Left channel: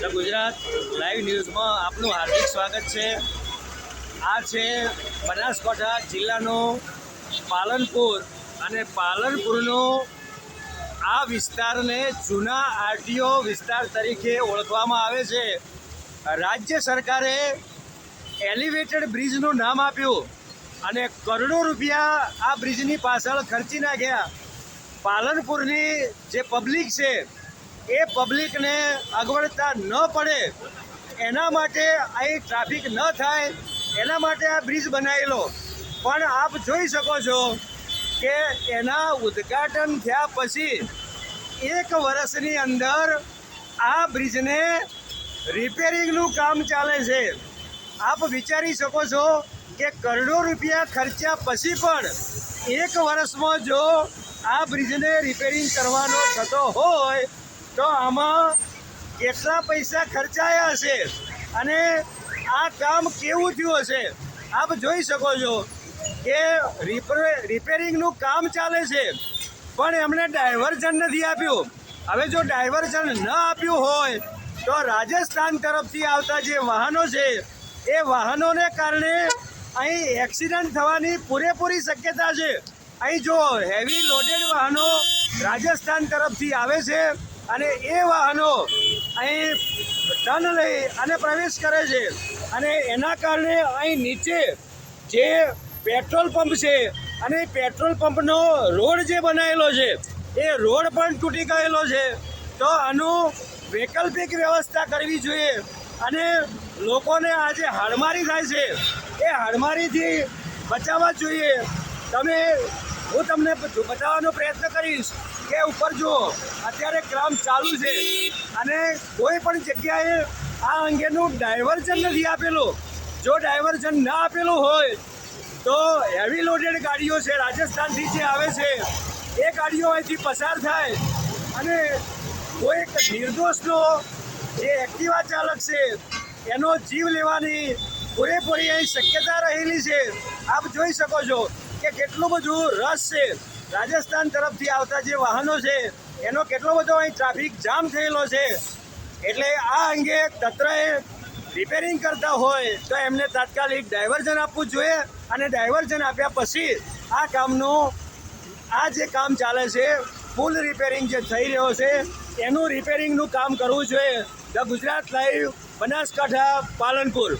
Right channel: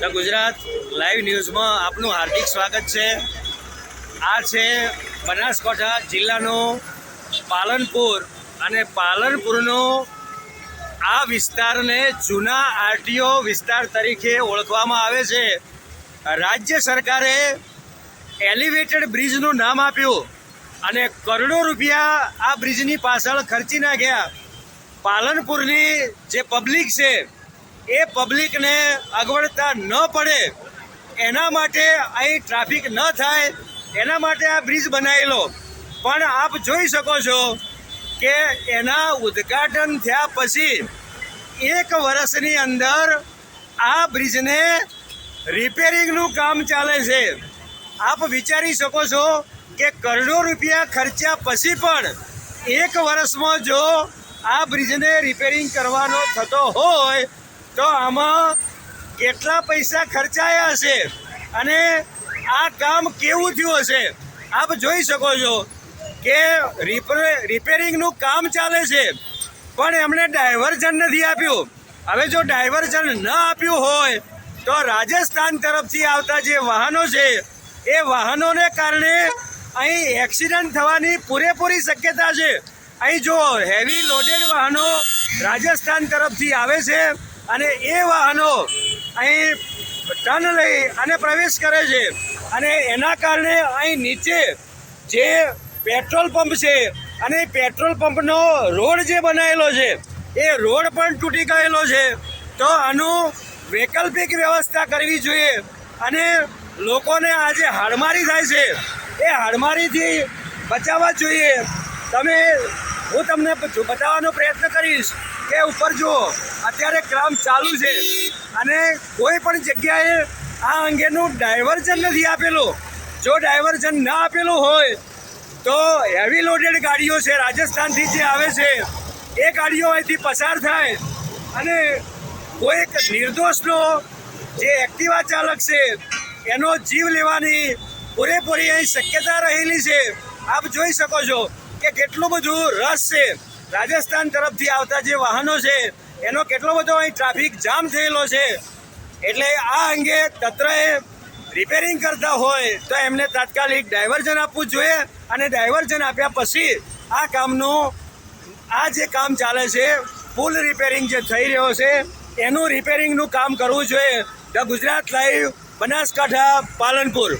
The Gujarat live ન્યૂઝમાં આપનું હાર્દિક સ્વાગત છે. આ છે બનાસકાંઠા જિલ્લાનું પાલનપુર અને પાલનપુરનો આ વિસ્તારને જૂના આરટીઓ વિસ્તાર તરીકે ઓળખવામાં આવે છે. રાજ્ય સરકારે એલિવેટેડ બ્રિજનું નામ આપ્યું અને કરોડો રૂપિયા આ બ્રિજની પાછળ ખર્ચી નાખ્યા. પાલનપુરની જે પબ્લિક છે એ પબ્લિકને અગવડતા ન પડે, એના માટે અહીં ટ્રાફિક ન થાય, એના માટે આ બ્રિજ બનાવેલો. પણ આપ જોઈ શકો છો કે એના ઉદ્ઘાટન થયા પછી એક વર્ષની અંદર આ બ્રિજને રિપેરિંગનું કામ ચાલે છે. આપ વિચારી શકો છો કે કરોડો રૂપિયા ખર્ચ્યા પછી પણ એક વર્ષમાં જો આ બ્રિજને રિપેરિંગ કરવાનો થતો હોય તો આમાં કેટલા પૈસા ખર્ચાયા હશે અને આ કામ કેવું થયું હશે? આપ જોઈ શકો છો કે રિપે- રિપેરિંગનું કામ ચાલે છે. પણ એમણે ડાયવર્ઝન નથી આપ્યું. હવે જો ડાયવર્ઝન ન આપ્યું હોય, તો રાજસ્થાન તરફથી આવતા જે વાહનો છે, એ વાહનોને કારણે અહીં એક્સિડન્ટ થવાની પૂરેપૂરી શક્યતા છે. અહીં જો હેવી લોડેડ વાહનો રાજસ્થાન તરફથી આવે છે અને એ વાહનો અહીં ટર્ન લઈ અને પ્રવેશ કરે છે. અને એના કારણે અહીં નીચે જે પેટ્રોલ પંપ છે અને પેટ્રોલ પંપનો રોડ જે બનાવેલો છે, એ રોડ પણ તૂટી ગયેલો છે. તો આનું વૈકલ્પિક વ્યવસ્થા કરવી જોઈએ અને લોકોને આજે હાડમારી થાય છે. એ હાડમારીથી બચાવવા જોઈએ. તમે હું તમને બતાવવાનો પ્રયત્ન કરીશ કે ઉપર જુઓ, અત્યારે કામ ચાલુ છે. અને કોઈ પણ જગ્યાએ આ અંગેનું ડાયવર્ઝન નથી આપેલું. જો ડાયવર્ઝન ના આપેલું હોય, તો હેવી લોડેડ ગાડીઓ છે, રાજસ્થાનથી જે આવે છે, એ ગાડીઓ અહીંથી પસાર થાય. અને કોઈક નિર્દોષનો જે એક્ટિવા ચાલક છે, એનો જીવ લેવાની પૂરેપૂરી અહીં શક્યતા રહેલી છે. આપ જોઈ શકો છો કે કેટલું બધું રસ છે. રાજસ્થાન તરફથી આવતા જે વાહનો છે, એનો કેટલો બધો અહીં ટ્રાફિક જામ થયેલો છે. એટલે આ અંગે તંત્રએ રિપેરિંગ કરતા હોય, તો એમને તાત્કાલિક ડાયવર્ઝન આપવું જોઈએ અને ડાયવર્ઝન આપ્યા પછી આ કામનું, આ જે કામ ચાલે છે પુલ રિપેરિંગ જે થઈ રહ્યો છે, એનું રિપેરિંગનું કામ કરવું જોઈએ. The Gujarat live Banaskantha Palanpur.